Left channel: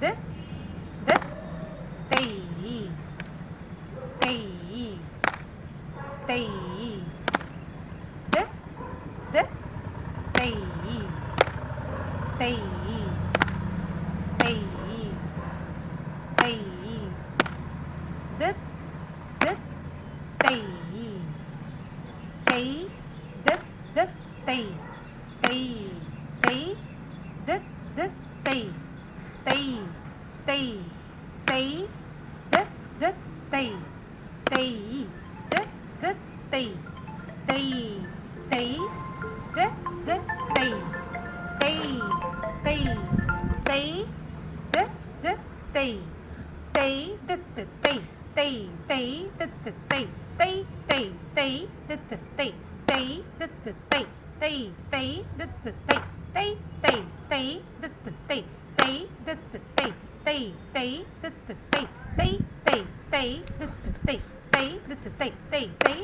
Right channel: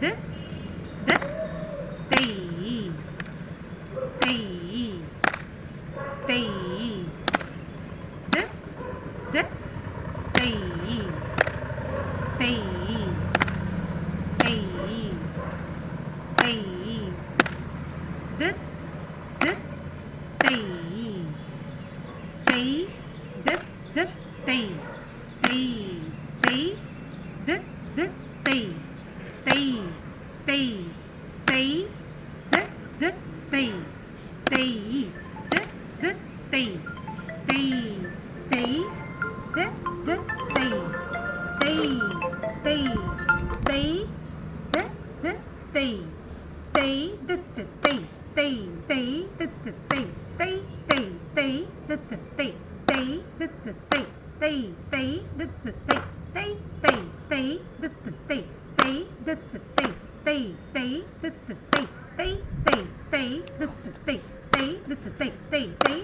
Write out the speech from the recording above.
th th tây tây tây th th tây tây tây tây th th tây tây th th tây tây tây th th tây tây Thai Thai the the Thai Thai the the Thai Thai Thai the the Thai Thai Thai Thai the the Thai Thai the the Thai Thai Thai the the Thai Thai Thai Thai the the Thai Thai the the Thai Thai Thai the the Thai Thai Thai Thai the the Thai Thai the the Thai tem, tem, tem, tem, tem, tem, tem, tem, tem, tem, tem, tem, tem, tem,